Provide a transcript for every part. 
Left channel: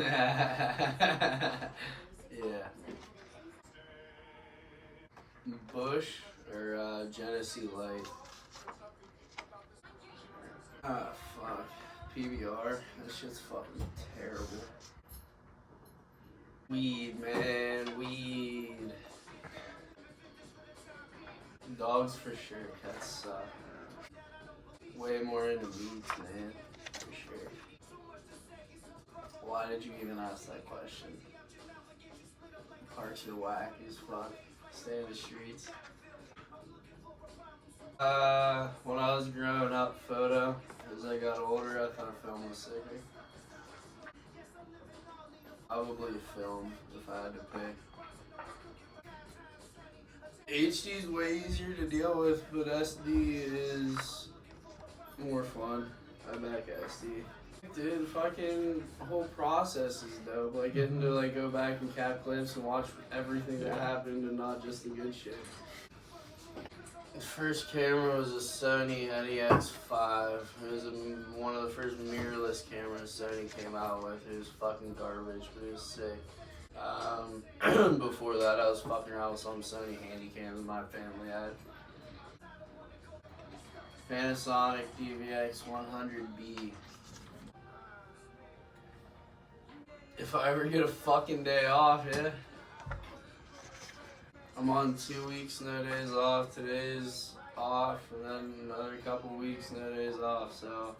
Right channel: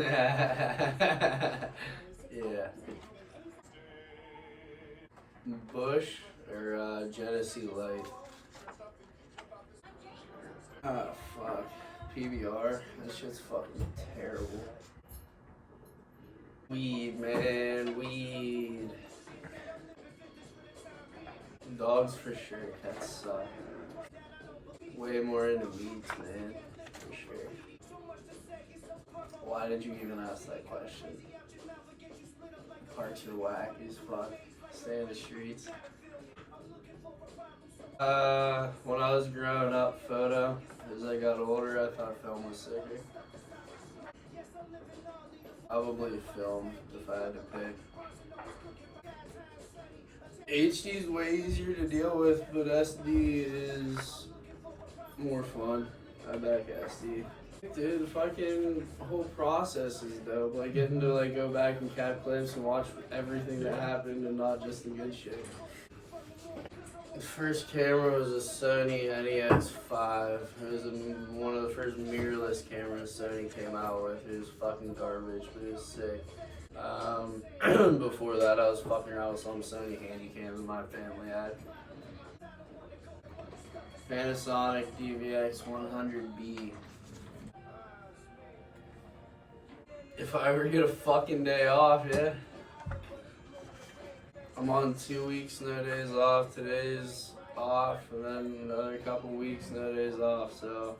Yeah. Bush or Genesee Light. Ah, fuck. PBR. That shit's fucking terrible. Weed, man. Weed. Dogs for sure. Cats suck. Way more into weeds, man. For sure. Why did you even ask that question? Parks are whack as fuck. Stay in the streets. When I was growing up, photo. As I got older, I thought film was sicker. Probably film if I had to pick. HD is way easier to deal with, but SD is more fun. I back SD. Dude, the fucking whole process is dope. Like getting to like go back and cap clips and watch everything that happened and not just the good shit. The first camera was a Sony NEX5. It was one of the first mirrorless cameras Sony came out with. It was fucking garbage, but it was sick. Before that, I was fucking around with some Sony handycams my family had. Panasonic DVX 100B. If I ever get a fucking day off, yeah. I'm on 2 weeks, no days off. Today's off, and then another couple weeks, no days off. So,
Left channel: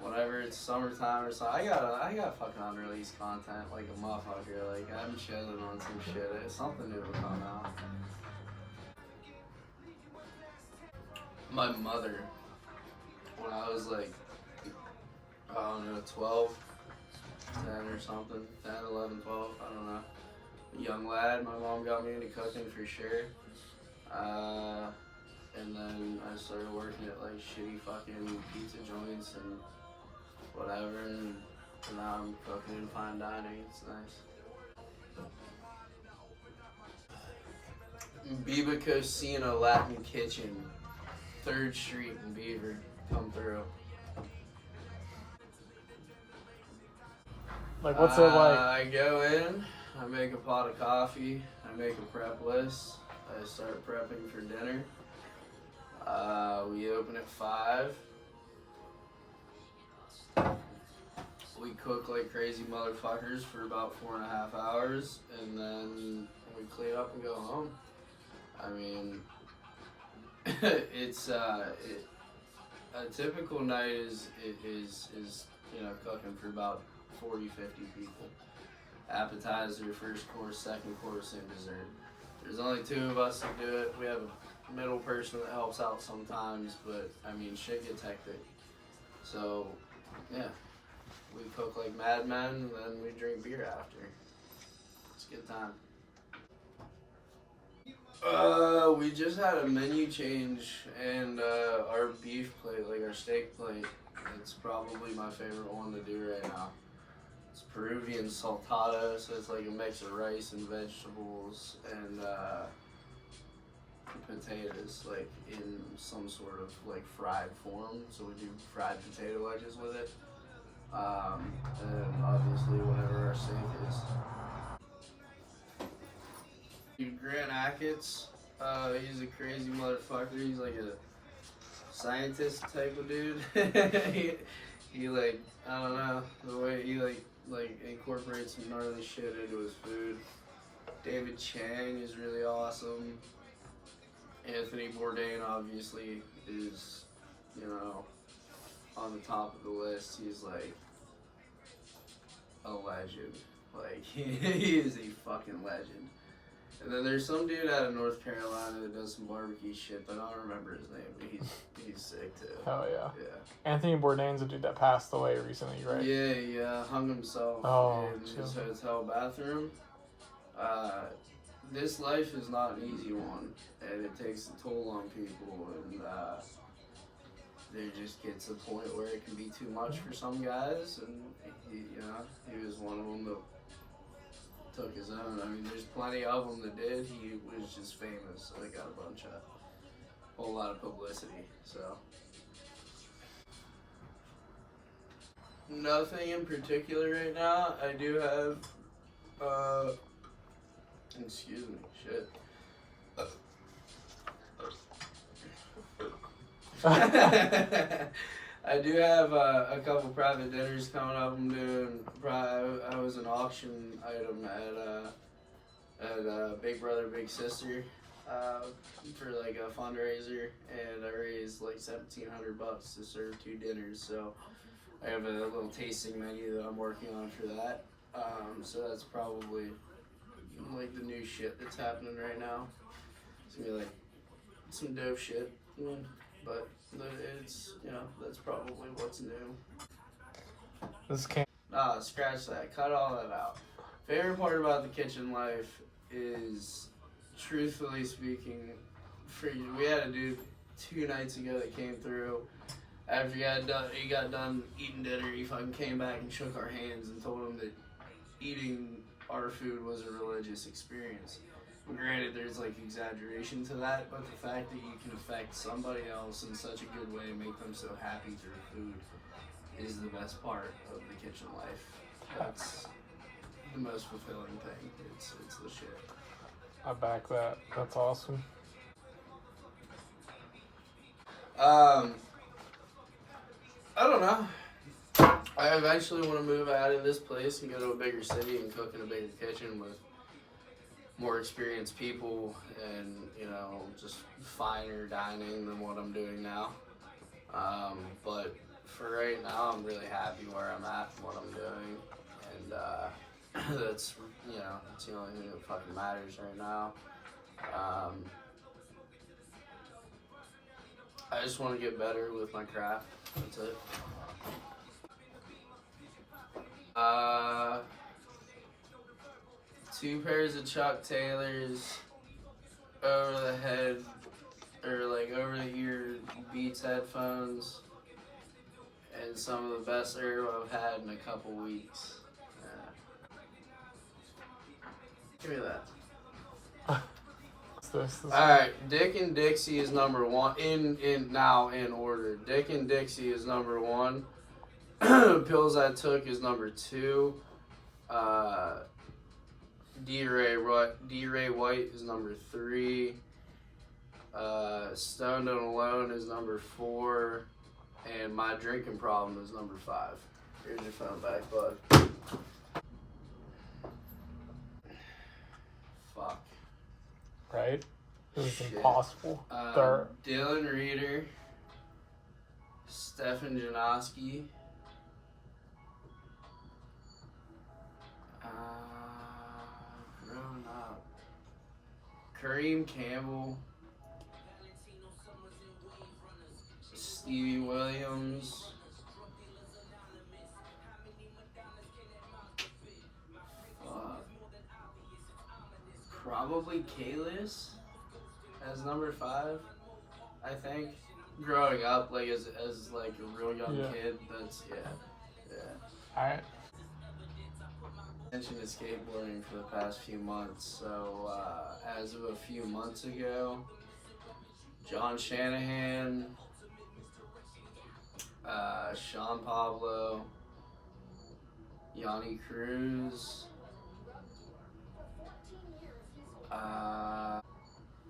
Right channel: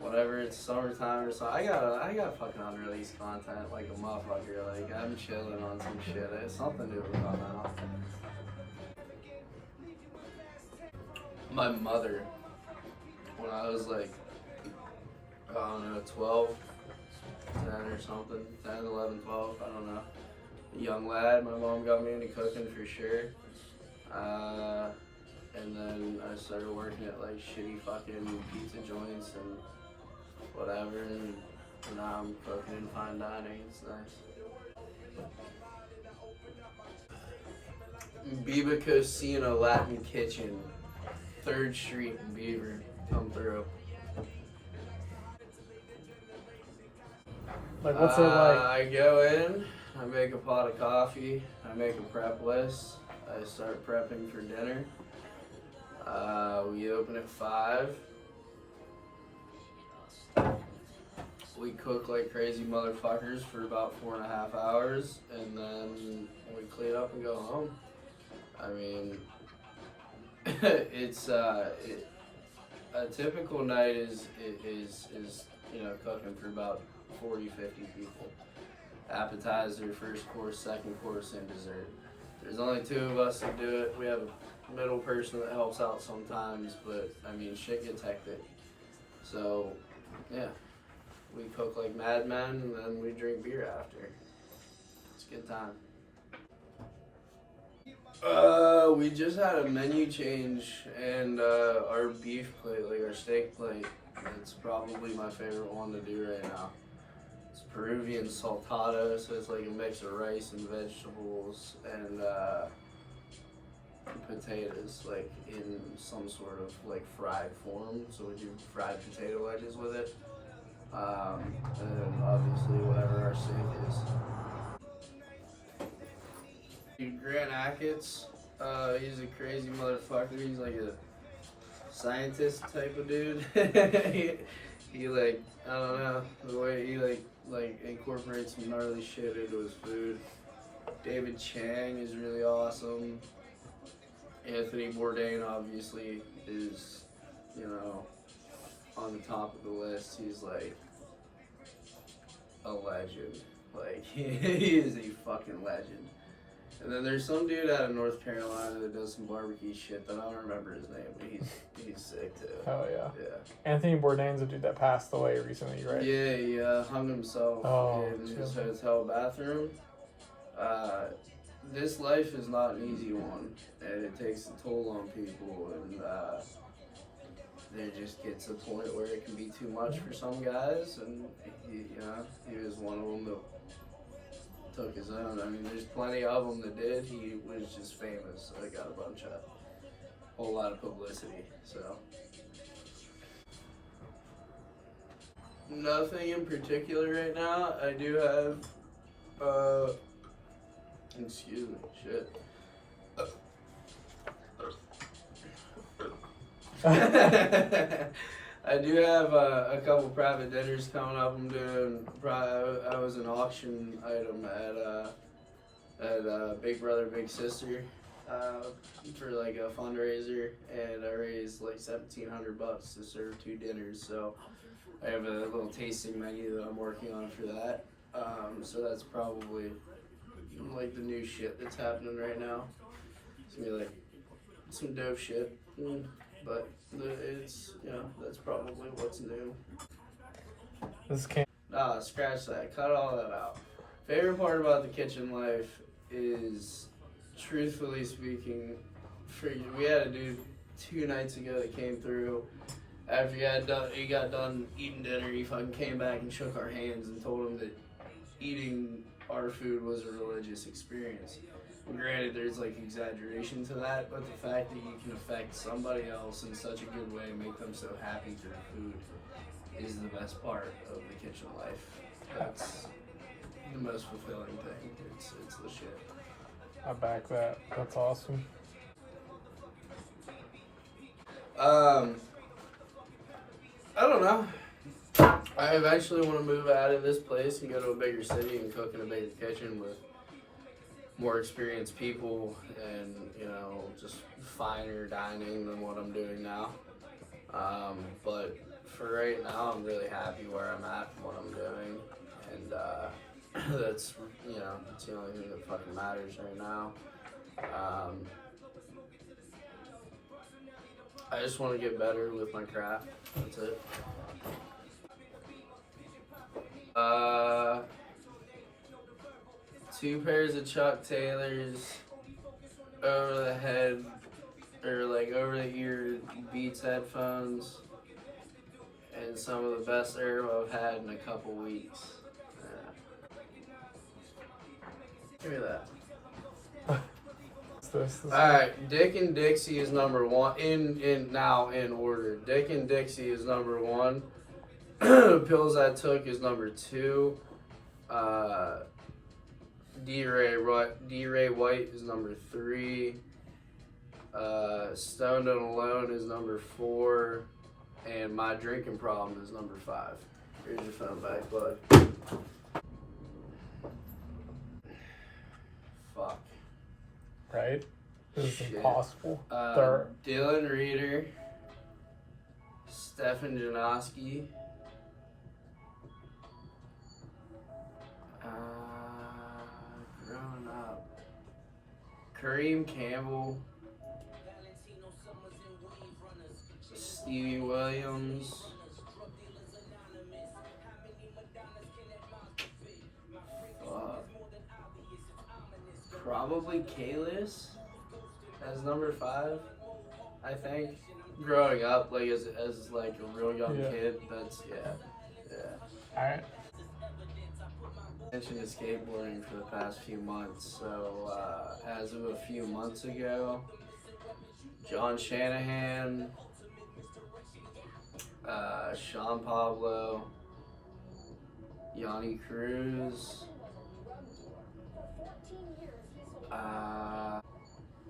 whenever it's summertime or something, I got fucking unreleased content like a motherfucker. Like I'm chilling on some shit. Something new will come out. My mother, when I was like, I don't know, 12, 10 or something, 10, 11, 12, I don't know. Young lad, my mom got me into cooking for sure. And then I started working at like shitty fucking pizza joints and whatever, and now I'm cooking in fine dining. It's nice. Biba Cocina Latin Kitchen, 3rd Street in Beaver. Come through. Like, what's it like? I go in, I make a pot of coffee, I make a prep list, I start prepping for dinner. We open at 5. We cook like crazy motherfuckers for about 4.5 hours, and then we clean up and go home. I mean, it's a typical night is you know, cooking for about 40, 50 people. Appetizer, first course, second course, and dessert. There's only 2 of us that do it. We have a middle person that helps out sometimes, but I mean, shit gets hectic. So, yeah, we cook like madmen, and then we drink beer after. It's a good time. We just had a menu change, and our beef plate, like our steak plate, it's probably my favorite one to do right now. It's Peruvian saltado, so it's like a mix of rice and vegetables and potatoes, like in some sort of like fried form. So we do fried potato wedges with it, and then obviously whatever our steak is. Grant Achatz, he's a crazy motherfucker. He's like a scientist type of dude. he like, I don't know, the way he like incorporates some gnarly shit into his food. David Chang is really awesome. Anthony Bourdain obviously is, you know, on the top of the list. He's like a legend. Like he is a fucking legend. And then there's some dude out of North Carolina that does some barbecue shit, but I don't remember his name, but he's sick too. Hell yeah. Yeah. Anthony Bourdain's a dude that passed away recently, right? Yeah, he hung himself in his hotel bathroom. This life is not an easy one, and it takes a toll on people, and there just gets a point where it can be too much for some guys, and he was one of them that took his own. I mean, there's plenty of them that did. He was just famous, so he got a whole lot of publicity. So Nothing in particular right now. I do have, excuse me, shit. I do have a couple private dinners coming up. I'm doing. I was an auction item at Big Brother Big Sister for like a fundraiser, and I raised like $1,700 to serve 2 dinners. So I have a little tasting menu that I'm working on for that. So that's probably like the new shit that's happening right now. It's gonna be like some dope shit, but it's, you know, that's probably what's new. This can't. Nah, scratch that. Cut all that out. Favorite part about the kitchen life is, truthfully speaking, we had a dude 2 nights ago that came through. After he got done eating dinner, he fucking came back and shook our hands and told him that eating our food was a religious experience. Granted, there's like exaggeration to that, but the fact that you can affect somebody else in such a good way, make them so happy through food, is the best part of the kitchen life. That's the most fulfilling thing. It's the shit. I back that. That's awesome. I don't know. I eventually want to move out of this place and go to a bigger city and cook in a bigger kitchen with more experienced people and, you know, just finer dining than what I'm doing now. But for right now, I'm really happy where I'm at and what I'm doing. And that's, you know, that's the only thing that fucking matters right now. I just want to get better with my craft. That's it. 2 pairs of Chuck Taylors over the head, or like over the ear Beats headphones, and some of the best herb I've had in a couple weeks. Give me that. Alright, Dick and Dixie is number 1 in order. Dick and Dixie is number 1. Pills I took is number 2. D-Ray White is number 3. Stoned and Alone is number 4. And My Drinking Problem is number 5. Here's your phone back, bud. Fuck. Right? This is impossible. Dylan Reeder, Stefan Janoski, growing up, Kareem Campbell, Stevie Williams, probably Kalis as number 5, I think. Growing up, like as like a real young kid, that's yeah. Alright. I mentioned skateboarding for the past few months, so as of a few months ago, John Shanahan, Sean Pablo, Yanni Cruz,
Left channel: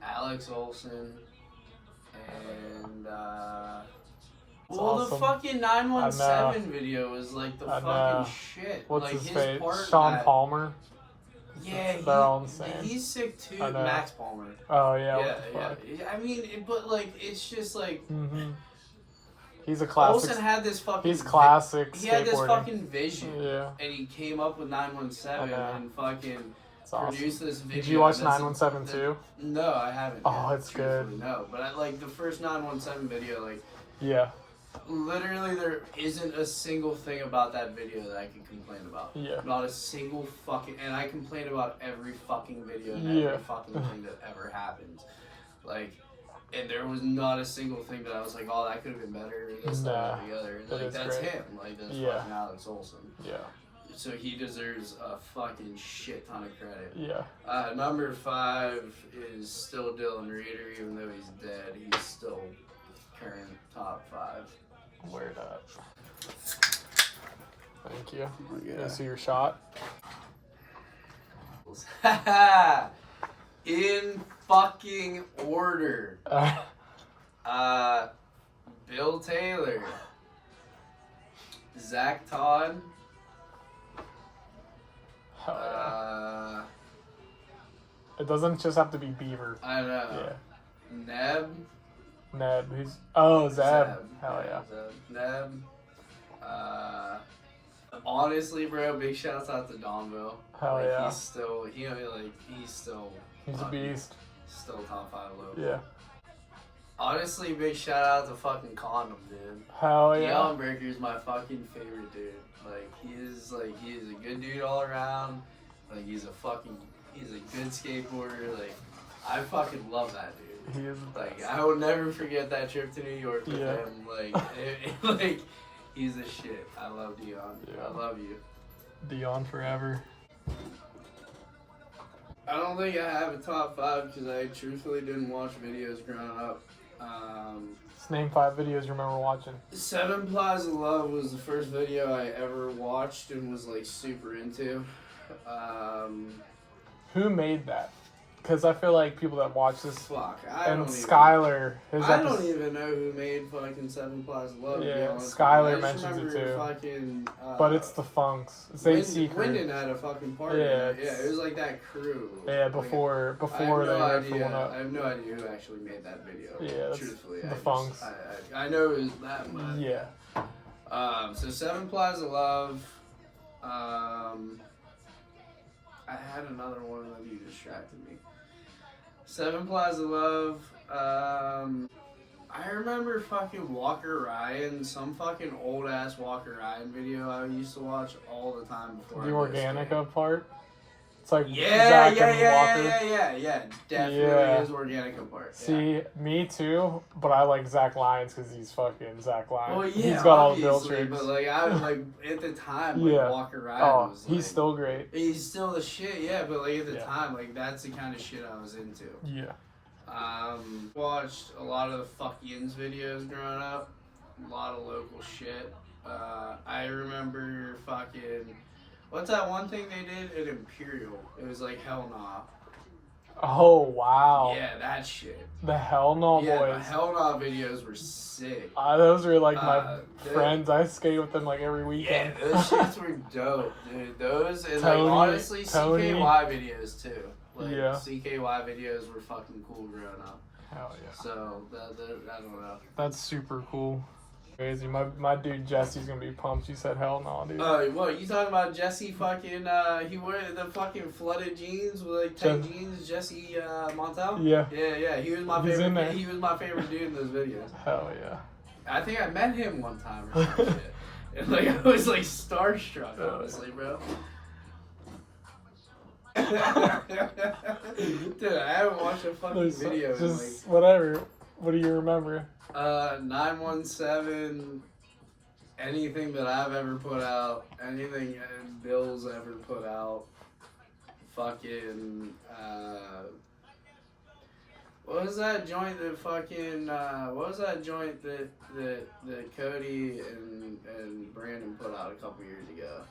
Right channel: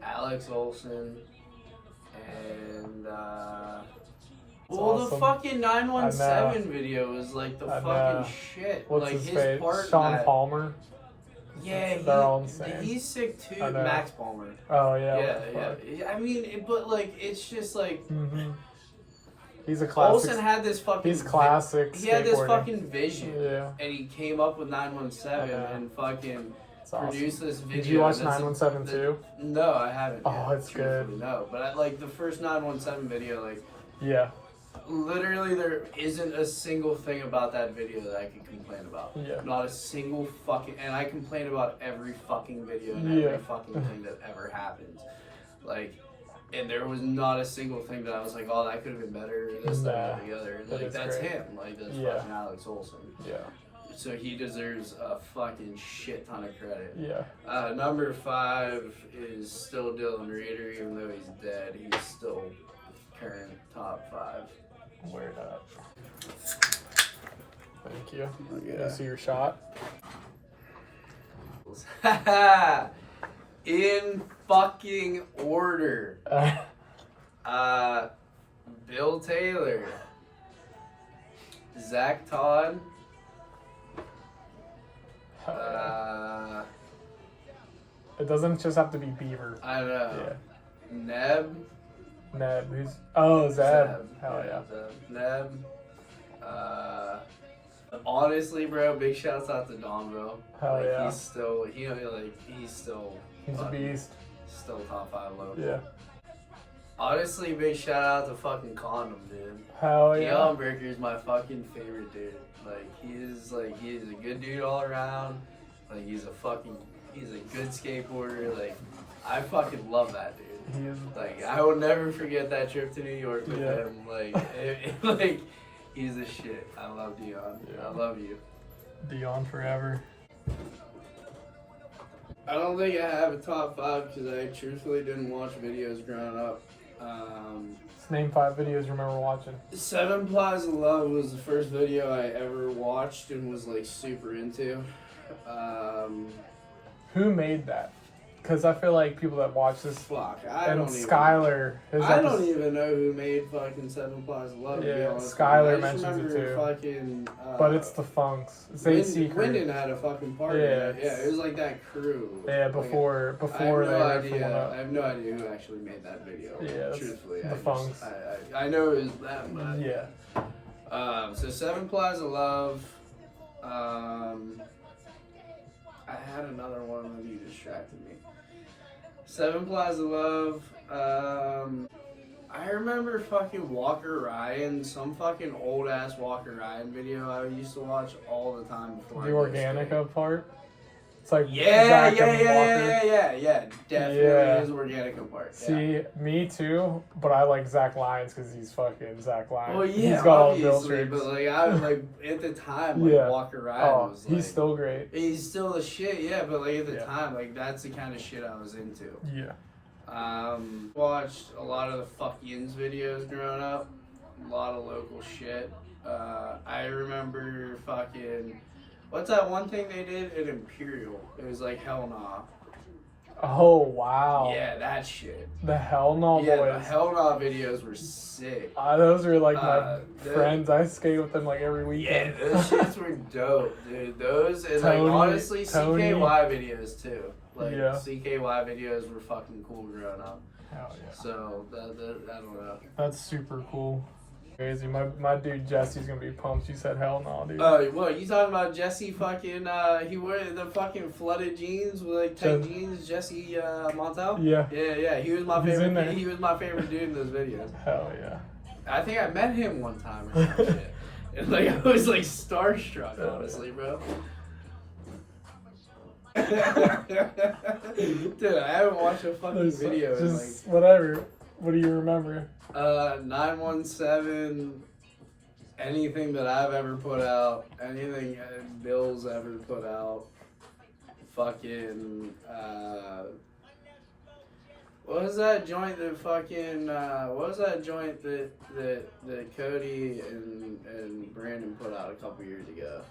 Alex Olson, and well, awesome. the fuking 917 video is like the fucking shit. What's like his face? part. Sean Palmer. Yeah, they're all insane. He's sick too. Max Palmer. Oh yeah. Yeah. I mean, but like, it's just like. Mm-hmm. He's a classic. Olsen had this fucking. He's classic. He had this fucking vision. Yeah. And he came up with 917 and fucking. Produced this video. Did you watch 917 too? No, I haven't. Oh, it's good. No, but I like the first 917 video. Like, yeah, literally, there isn't a single thing about that video that I could complain about. Yeah, not a single fucking. And I complain about every fucking video and every fucking thing that ever happens. Like, and there was not a single thing that I was like, oh, that could have been better. This, that, or the other. And like, that's great. Him. Like, that's fucking Alex Olson. Yeah. So he deserves a fucking shit ton of credit. Yeah. Number 5 is still Dylan Reeder, even though he's dead. He's still current top 5. Where Thank you. Yeah. You see your shot? In fucking order. Bill Taylor, Zach Todd, it doesn't just have to be Beaver. I don't know. Yeah. Neb. Who's? Oh, Zeb. Zeb. Hell yeah. Zeb. Neb. Honestly, bro, big shouts out to Donville. Hell like, yeah. He's still, he's still. He's a beast. Still top 5 low. Yeah. Honestly, big shout out to fucking Condom, dude. Hell yeah. Deion Breaker's my fucking favorite dude. Like, he is a good dude all around. Like, he's a good skateboarder. Like, I fucking love that dude. He is. Like, I will never forget that trip to New York with him. Like, like, he's the shit. I love Deion. Yeah. I love you. Deion forever. I don't think I have a top 5 because I truthfully didn't watch videos growing up. Let's name 5 videos you remember watching. 7 Plies of Love was the first video I ever watched and was like super into. Who made that? Because I feel like people that watch this. Fuck, And Skylar. I don't even know who made fucking 7 Plies of Love. Yeah, to be honest. Skylar I just mentions it remember too. fucking. But it's the Funks. It's Wyndon had a fucking party. Yeah, Yeah, it was like that crew. Yeah, before I have they no were idea. I have no idea who actually made that video. Yeah, that's truthfully, the Funks. I know it was them. But, Yeah. So 7 Plies of Love. I had another one that you distracted me. 7 Plies of Love. I remember fucking Walker Ryan, some fucking old ass Walker Ryan video I used to watch all the time before. The Organica part. It's like yeah, Zach and Walker. definitely Yeah. his Organica part. Yeah. See, me too, but I like Zach Lyons because he's fucking Zach Lyons. Well, He's yeah, got all the build obviously, tricks. but like I was like at the time, like Yeah. Walker Ryan was like, he's still great. he's still the shit, yeah. But like at the Yeah. time, like that's the kind of shit I was into. Yeah. Watched a lot of the Fuck Yins videos growing up. A lot of local shit. I remember fucking. What's that one thing they did at Imperial? It was like Hell Nah. Oh wow. Yeah, that shit. The Hell No Yeah, boys. the Hell Nah videos were sick. Those were like my the- friends. I skate with them like every Yeah, weekend. those shits were dope, dude. Those and Tony- like honestly Tony. CKY videos too. Like Yeah. CKY videos were fucking cool growing up. Hell yeah. So that I don't know. That's super cool. Crazy. My dude Jesse's gonna be pumped. You said hell no, dude. What you talking about? Jesse fucking he wore the fucking flooded jeans with like tight jeans. Jesse Montel. Yeah. Yeah. He was my He's in favorite. there. He was my favorite dude in those videos. Hell yeah. I think I met him one time or some shit. And like I was like starstruck, honestly, bro. Dude, I haven't watched a fucking video in like Just whatever. What do you remember? 917. Anything that I've ever put out, anything Bill's ever put out. Fucking what was that joint that fucking what was that joint that Cody and Brandon put out a couple years ago?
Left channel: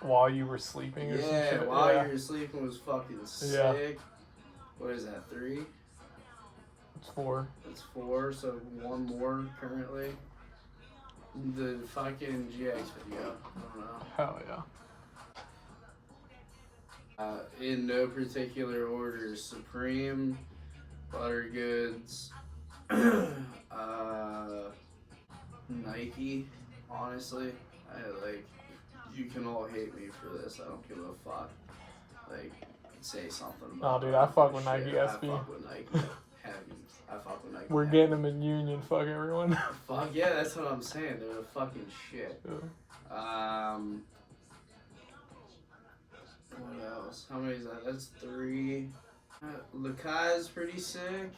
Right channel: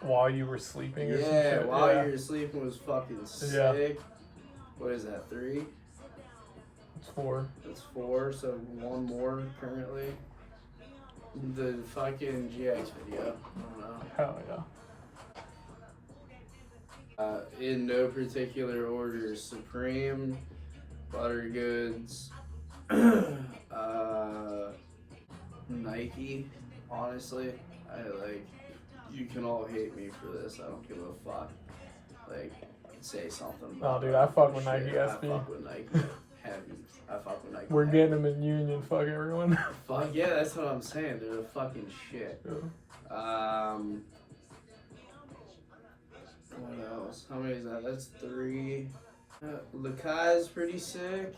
While you were sleeping or some Yeah, shit? while you were sleeping was fucking sick. Yeah. What is that, 3? It's 4. It's 4, so 1 more currently. The fucking GX video. I don't know. Hell yeah. In no particular order, Supreme, Butter Goods, Nike. Honestly, you can all hate me for this. I don't give a fuck. Like, say something about Oh, dude, I fuck with shit. Nike SB. I fuck with Nike heavy. I fuck with Nike. We're heavy. getting them in Union. Fuck everyone. Fuck yeah, that's what I'm saying. They're the fucking shit. What else? How many is that? That's 3. Lakai's pretty sick.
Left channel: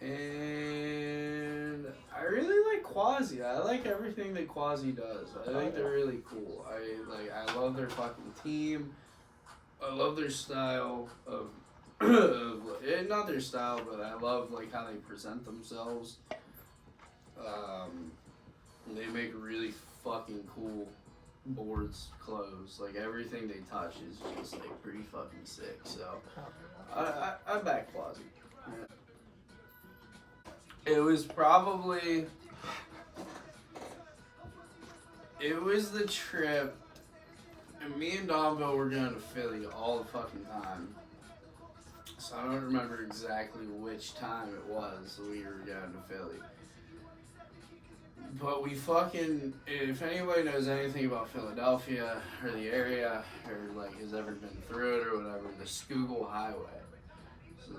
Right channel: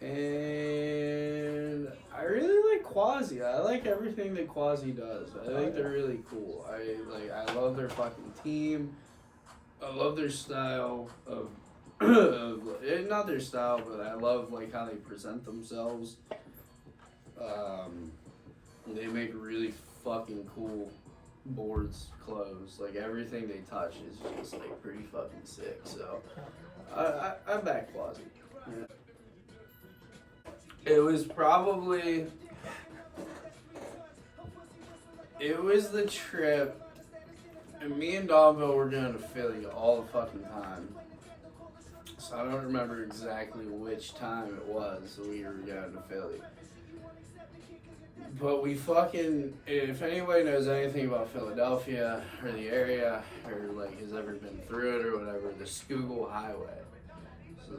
And I really like Quasi. I like everything that Quasi does. I think they're really cool. I love their fucking team. I love their style of not their style, but I love like how they present themselves. They make really fucking cool boards, clothes. Like everything they touch is just like pretty fucking sick. So I back Quasi. Yeah. It was probably the trip. And me and Donville were going to Philly all the fucking time. So I don't remember exactly which time it was we were going to Philly. But we fucking, if anybody knows anything about Philadelphia or the area or like has ever been through it or whatever, the Schuylkill Highway. So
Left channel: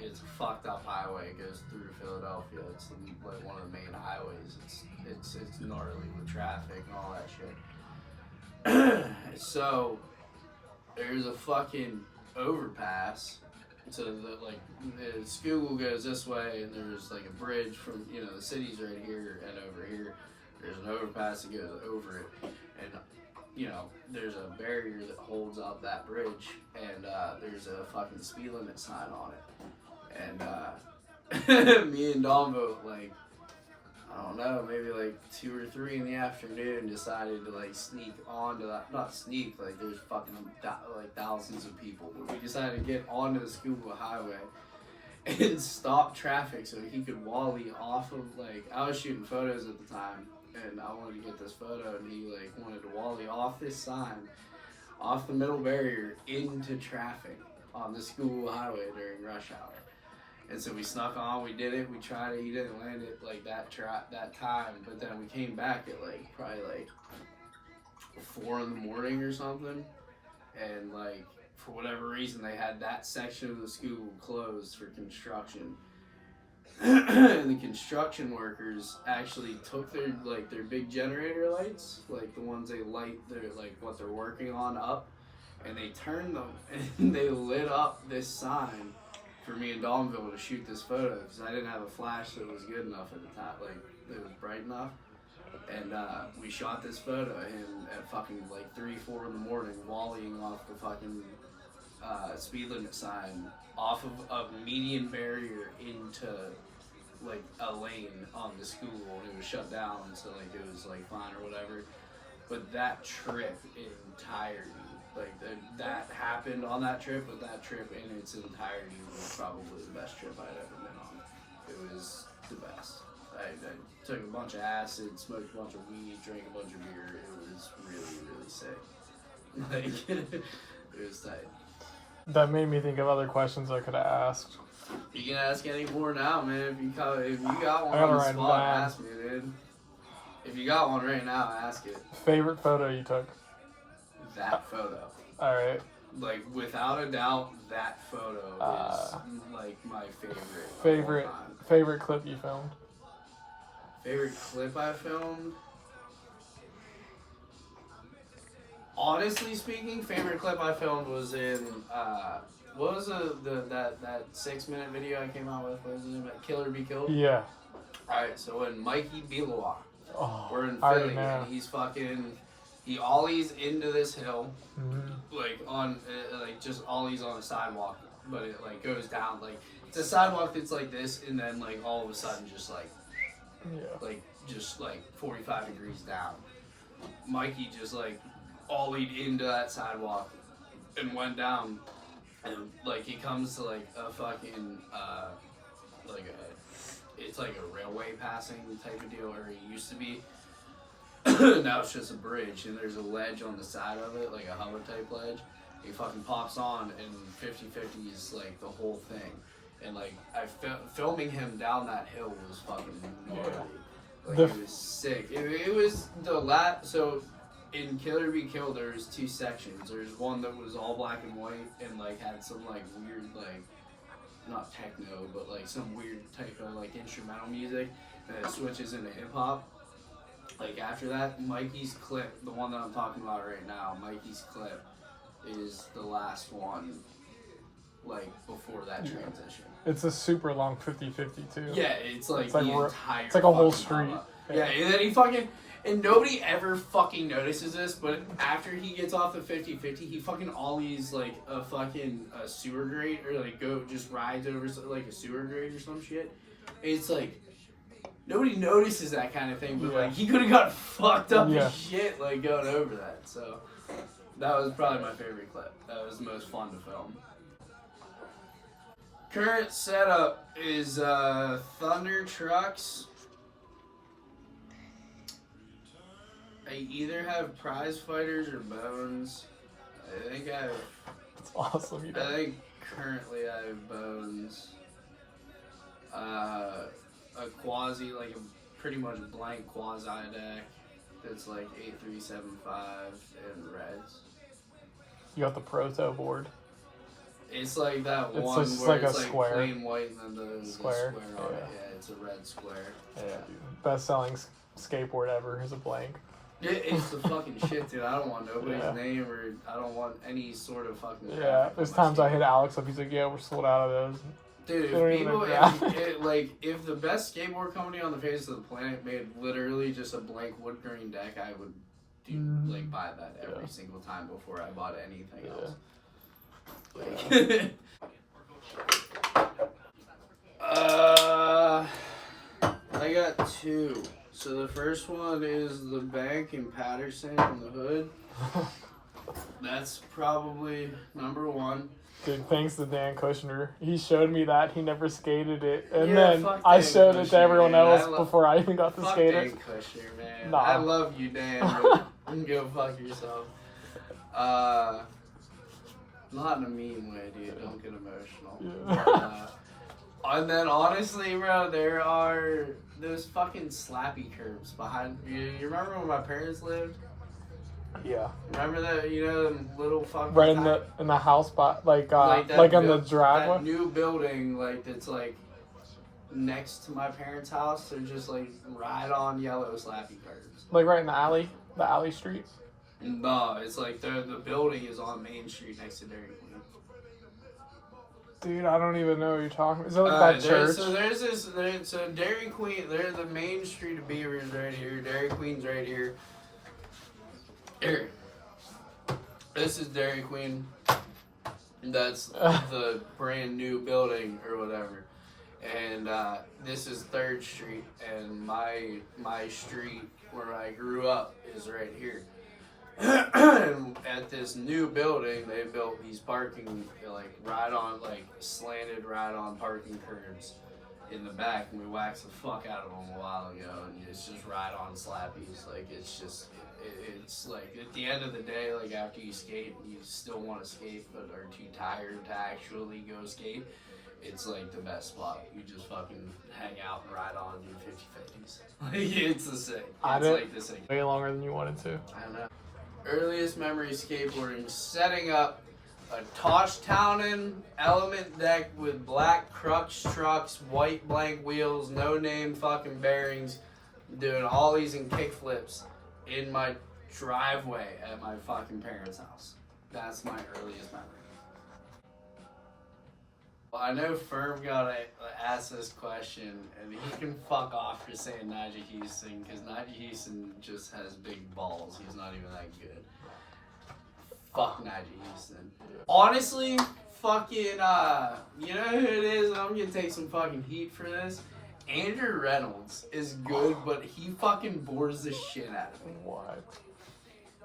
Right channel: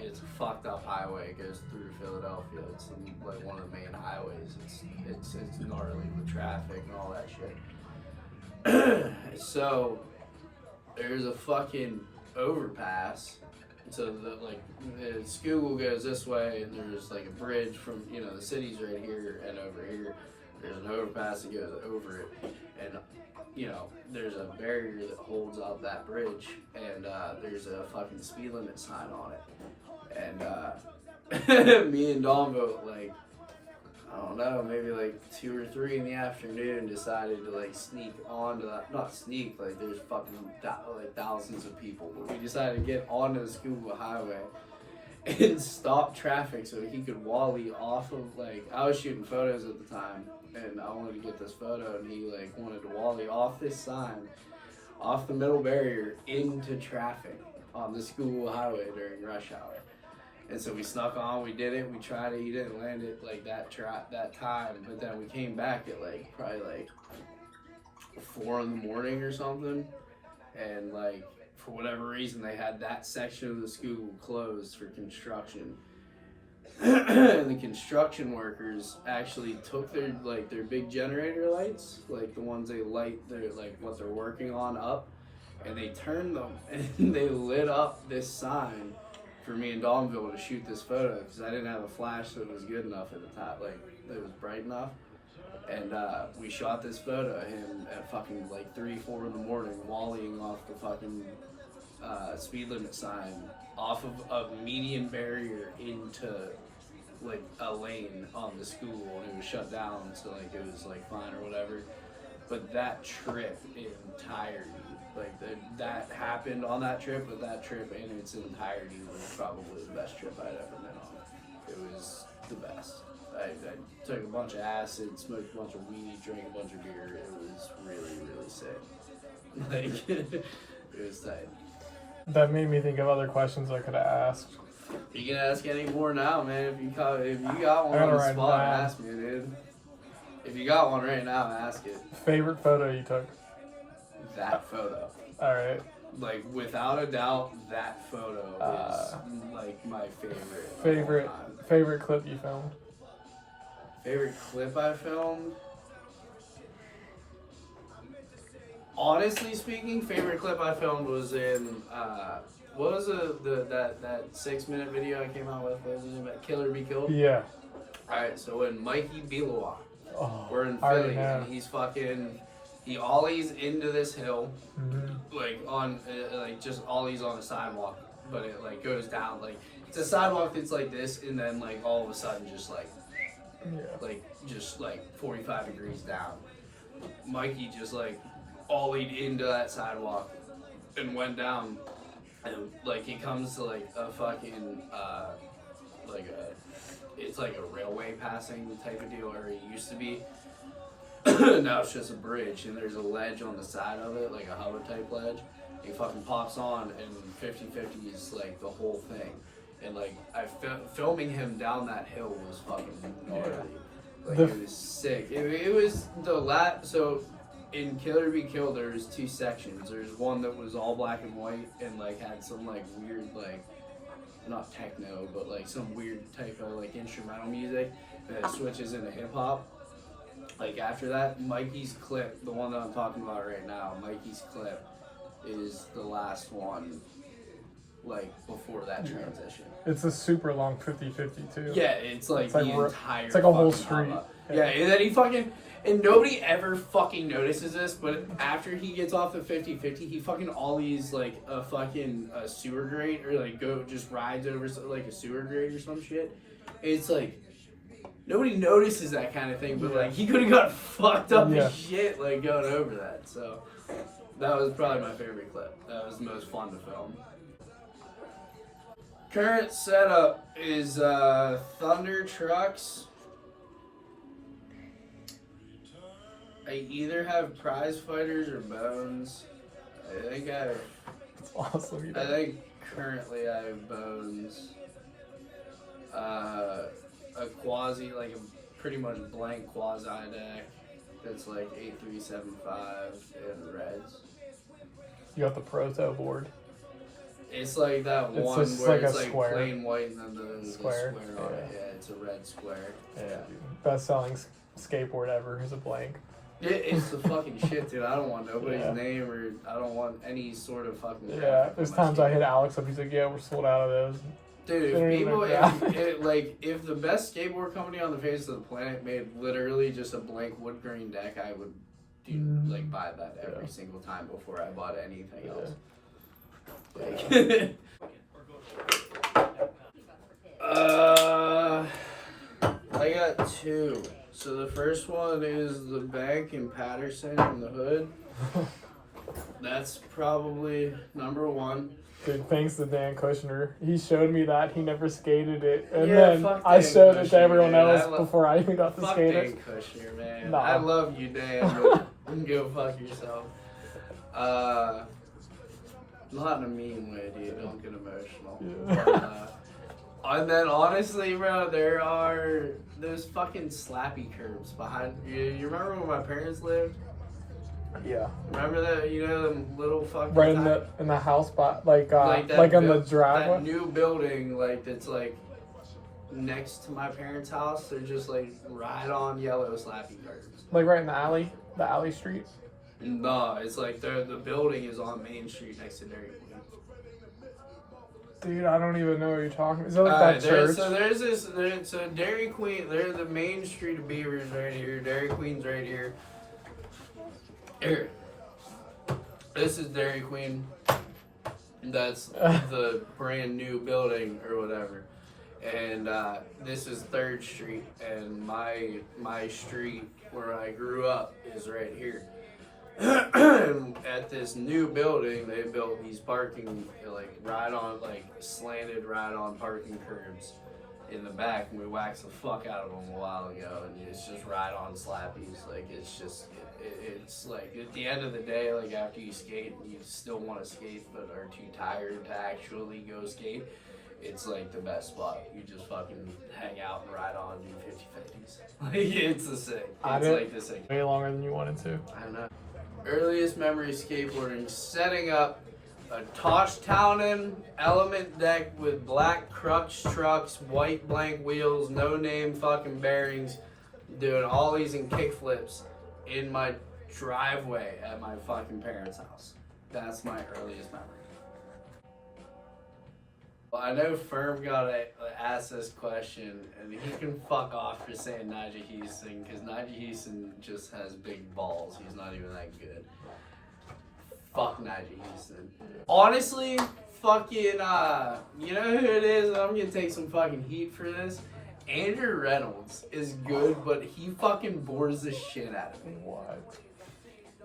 it's a fucked up highway. It goes through Philadelphia. It's like one of the main highways. It's gnarly with traffic and all that shit. So there's a fucking overpass. So the Schuylkill goes this way, and there's like a bridge from the city's right here, and over here there's an overpass that goes over it, and there's a barrier that holds up that bridge, and there's a fucking speed limit sign on it, and me and Donvo I don't know, maybe like 2 or 3 in the afternoon decided to sneak onto that, not sneak, there's fucking thousands of people, but we decided to get onto the Schuylkill Highway and stop traffic so he could wally off of, I was shooting photos at the time and I wanted to get this photo and he wanted to wally off this sign, off the middle barrier into traffic on the Schuylkill Highway during rush hour. And so we snuck on, we did it, we tried it, he didn't land it that time, but then we came back at probably 4 in the morning or something, and for whatever reason they had that section of the school closed for construction. And the construction workers actually took their big generator lights, the ones they light their what they're working on up, and they turned them and they lit up this sign for me and Donville to shoot this photo because I didn't have a flash that was good enough at the time, it was bright enough, and we shot this photo of him at fucking 3, 4 in the morning, volleying off the fucking speed limit sign off of a median barrier into a lane on the school, and it was shut down, so it was fine or whatever. But that trip in entirety, that happened on that trip, but that trip in its entirety was probably the best trip I'd ever been on. It was the best. I took a bunch of acid, smoked a bunch of weed, drank a bunch of beer. It was really, really sick. It was tight. That made me think of other questions I could have asked. You can ask any more now, man. If you got one on the spot, ask me, dude. If you got one right now, ask it. Favorite photo you took? That photo. All right. Without a doubt, that photo is my favorite. Favorite clip you filmed? Favorite clip I filmed? Honestly speaking, favorite clip I filmed was in what was that 6-minute video I came out with? What was it about? Killer Be Killed? Yeah. Alright, so when Mikey Bilowa, we're in I Philly, know. and he ollies into this hill, on just ollies on a sidewalk, but it goes down, it's a sidewalk that's like this, and then all of a sudden just just 45 degrees down. Mikey just ollied into that sidewalk and went down, and he comes to a fucking it's a railway passing type of deal where it used to be. Now it's just a bridge, and there's a ledge on the side of it, a hover type ledge. He fucking pops on, and 50-50 is the whole thing. And filming him down that hill was fucking gnarly. It was sick. It was so in Killer Be Killed there's 2 sections. There's one that was all black and white and had some weird not techno, but some weird type of instrumental music, and it switches into hip hop. After that, Mikey's clip, the one that I'm talking about right now, Mikey's clip is the last one, before that transition. It's a super long 50-50 too. Yeah, it's the entire. It's a whole street. Yeah, and then and nobody ever fucking notices this, but after he gets off the 50-50, he fucking ollies a fucking sewer grate, or just rides over a sewer grate or some shit. It's nobody notices that kind of thing, but Yeah. like he could have got fucked up Yeah. as shit like going over that. So that was probably my favorite clip. That was the most fun to film. Current setup is Thunder trucks. I either have prize fighters or bones. I think I have. It's awesome. I think currently I have bones. A quasi, like a pretty much blank quasi deck that's like 8375 and reds. You got the proto board. It's like that It's one just where like it's a like square. plain white and then there's Square. a square on it. Yeah. Yeah, it's a red square. Yeah, dude. Best selling skateboard ever is a blank. It's the fucking shit, dude. I don't want nobody's Yeah. name or I don't want any sort of fucking. Yeah, graphic there's on my times I skateboard. hit Alex up. He's like, "Yeah, we're sold out of those." Dude, Don't if even people, graphic. if the best skateboard company on the face of the planet made literally just a blank wood grain deck, I would like buy that every single time before I bought anything else. Like, I got two. So the first one is the bank in Patterson in the hood. That's probably number one. Dude, thanks to Dan Kushner. He showed me that. He never skated it. And Yeah, then fuck I Dan showed it to Kushner, everyone man. else before I even got to Fuck skate Dan it. Kushner, man. Nah. I love you, Dan, but go fuck yourself. Not in a mean way, dude. Don't get emotional. Yeah. And then honestly, bro, there are those fucking slappy curbs behind. You remember when my parents lived? Yeah. Remember that? You know them little fucking. Right in the house spot, like in the That driveway. new building, like that's like next to my parents' house. They're just like right on yellow slappy curbs. Like right in the alley street. No, it's like the building is on Main Street next to Dairy Queen. Dude, I don't even know what you're talking about. Is it like that church? So Dairy Queen, they're the main street of Beavers right here. Dairy Queen's right here. Here. This is Dairy Queen. That's the brand new building or whatever. And this is 3rd Street, and my street where I grew up is right here. And at this new building, they built these parking, like slanted right on parking curbs in the back, and we waxed the fuck out of them a while ago, and it's just right on slappies. Like it's just, it's like at the end of the day, like after you skate, you still want to skate, but are too tired to actually go skate. It's like the best spot. You just fucking hang out and ride on, do 50/50s. Like it's the sick. It's like the sick. Way longer than you wanted to. I don't know. Earliest memory skateboarding, setting up a Toshtownen element deck with black crux trucks, white blank wheels, no name fucking bearings, doing ollies and kickflips in my driveway at my fucking parents' house. That's my earliest memory. Well, I know Firm got asked this question, and he can fuck off for saying Najee Houston, because Najee Houston just has big balls. He's not even that good. Fuck Najee Houston. Honestly, fucking, you know who it is? I'm gonna take some fucking heat for this. Andrew Reynolds is good, but he fucking bores the shit out of me. What?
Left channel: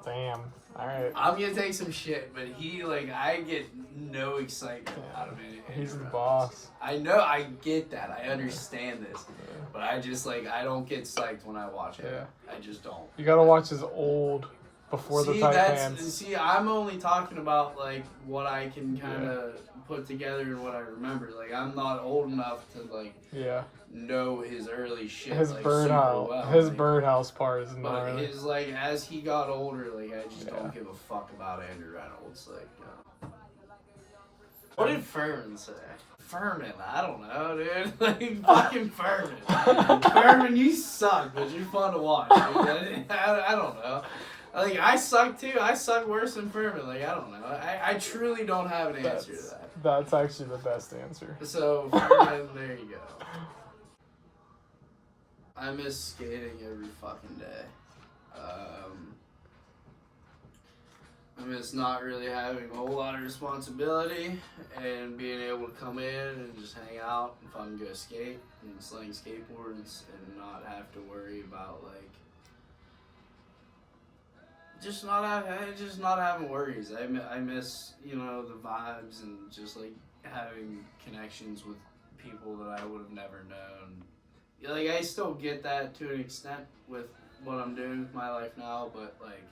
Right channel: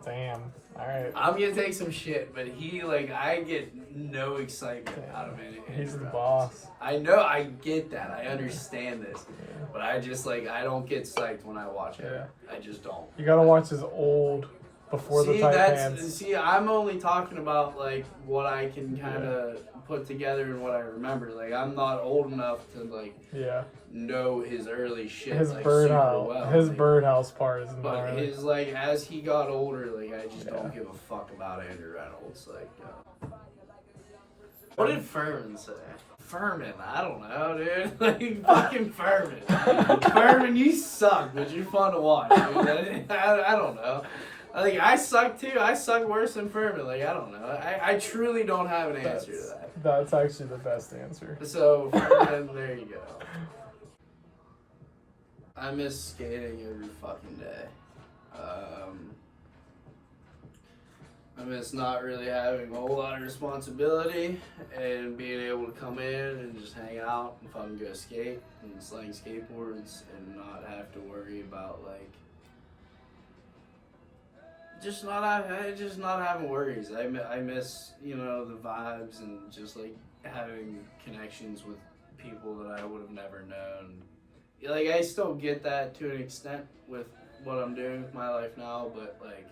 Damn. Alright. I'm gonna take some shit, but he, like, I get no excitement out of it. He's the boss. I know, I get that. I understand this. But I just, like, I don't get psyched when I watch it. Yeah. I just don't. You gotta watch his old before the tight pants. See, I'm only talking about, like, what I can kind of put together and what I remember. Like, I'm not old enough to, like, know his early shit, His like, birdhouse, super well. his like, birdhouse part is but gnarly. his, like, as he got older, like, I just don't give a fuck about Andrew Reynolds. Like, what did Furman say? Furman, I don't know, dude. Like, fucking Furman. Furman, you suck, but you're fun to watch, dude. I don't know. Like, I suck too. I suck worse than Furman. Like, I don't know. I truly don't have an answer to that. That's actually the best answer. So, Furman, there you go. I miss skating every fucking day. I miss not really having a whole lot of responsibility and being able to come in and just hang out and fucking go skate and sling skateboards and not have to worry about like just not having worries. I miss, you know, the vibes and just like having connections with people that I would have never known. Like I still get that to an extent with what I'm doing with my life now, but like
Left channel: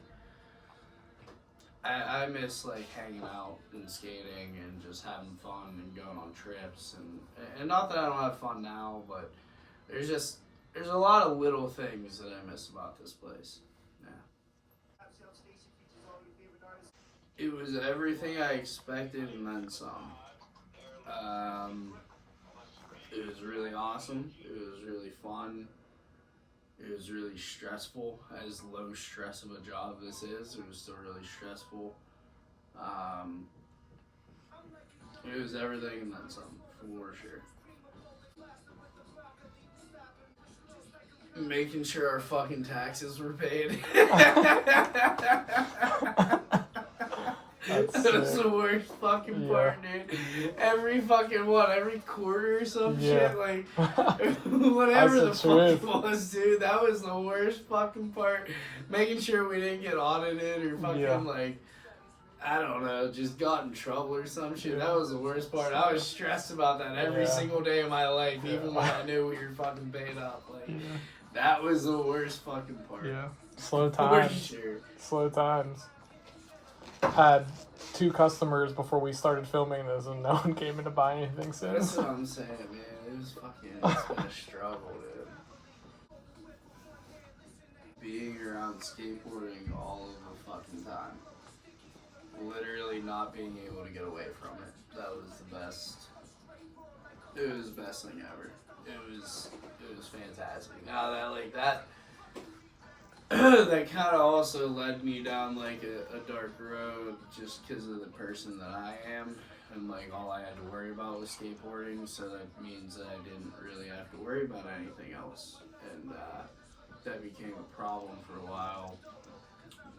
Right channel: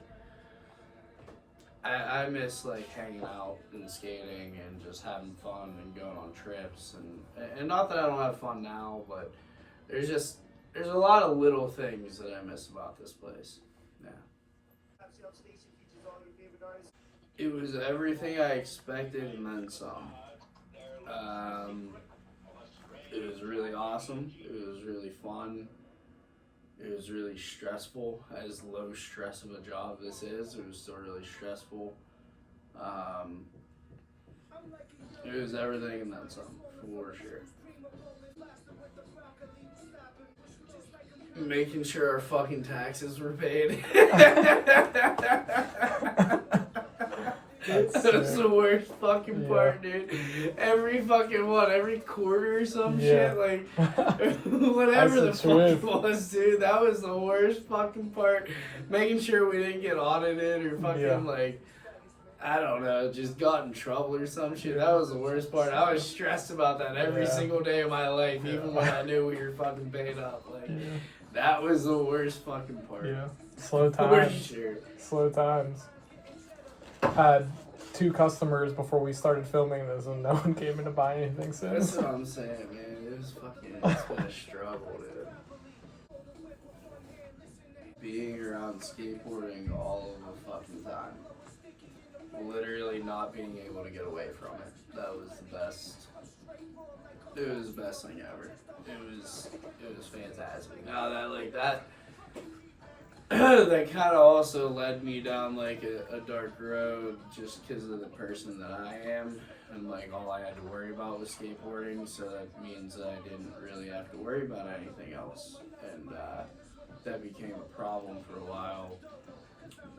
I miss like hanging out and skating and just having fun and going on trips and not that I don't have fun now, but there's a lot of little things that I miss about this place. Yeah. It was everything I expected and then some. Um, it was really awesome. It was really fun. It was really stressful. As low stress of a job this is, it was still really stressful. Um, it was everything and then some, for sure. Making sure our fucking taxes were paid. That was the worst fucking part, dude. Every fucking one, every quarter or some shit, like whatever the fuck it was, dude. That was the worst fucking part. Making sure we didn't get audited or fucking like I don't know, just got in trouble or some shit. That was the worst part. I was stressed about that every single day of my life, even when I knew we were fucking paid up. Like that was the worst fucking part. Yeah, slow times. For sure. Slow times. Had 2 customers before we started filming this, and no one came in to buy anything since. That's what I'm saying, man. It's been a struggle, dude. Being around skateboarding all of the fucking time. Literally not being able to get away from it. That was the best. It was the best thing ever. It was fantastic. Now that like that that kind of also led me down like a dark road just because of the person that I am and like all I had to worry about was skateboarding, so that means that I didn't really have to worry about anything else, and that became a problem for a while.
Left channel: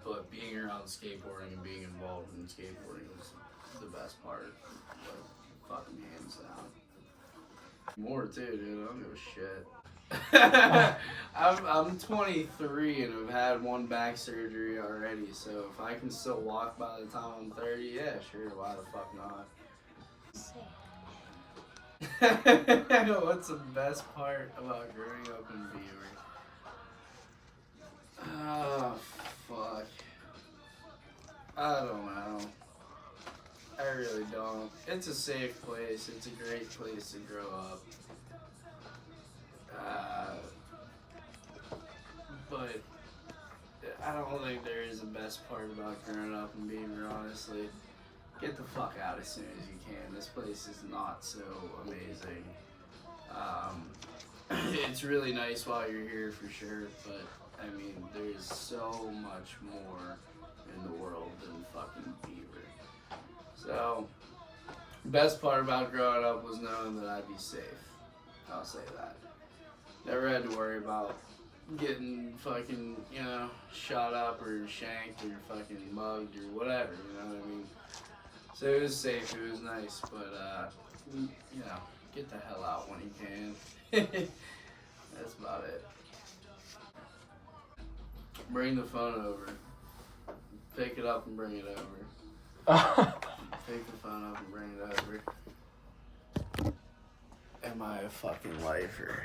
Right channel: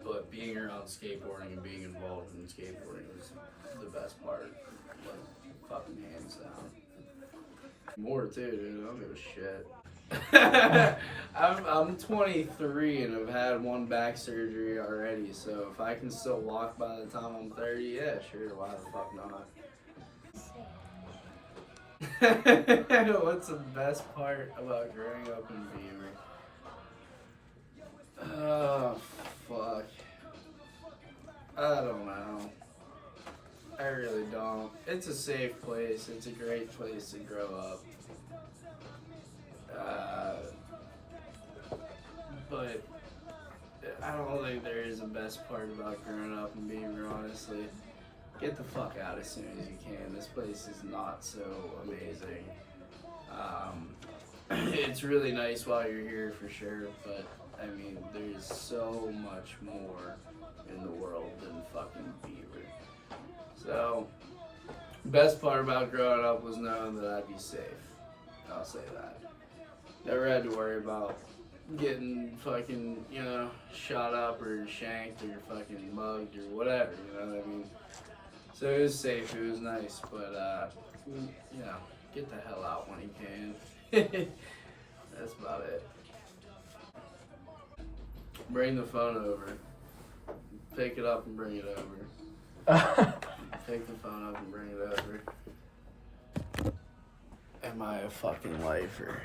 But being around skateboarding and being involved in skateboarding was the best part, like fucking hands down. More too, dude. I don't give a shit. I'm 23 and I've had 1 back surgery already, so if I can still walk by the time I'm 30, yeah, sure, why the fuck not? What's the best part about growing up in Beaver? Oh, fuck. I don't know. I really don't. It's a safe place. It's a great place to grow up. But I don't think there is a best part about growing up in Beaver, honestly. Get the fuck out as soon as you can. This place is not so amazing. It's really nice while you're here for sure, but I mean, there's so much more in the world than fucking Beaver. So, best part about growing up was knowing that I'd be safe. I'll say that. Never had to worry about getting fucking, you know, shot up or shanked or fucking mugged or whatever, you know what I mean? So it was safe, it was nice, but, you know, get the hell out when you can. That's about it. Bring the phone over. Pick it up and bring it over. Pick the phone up and bring it over. Am I a fucking lifer?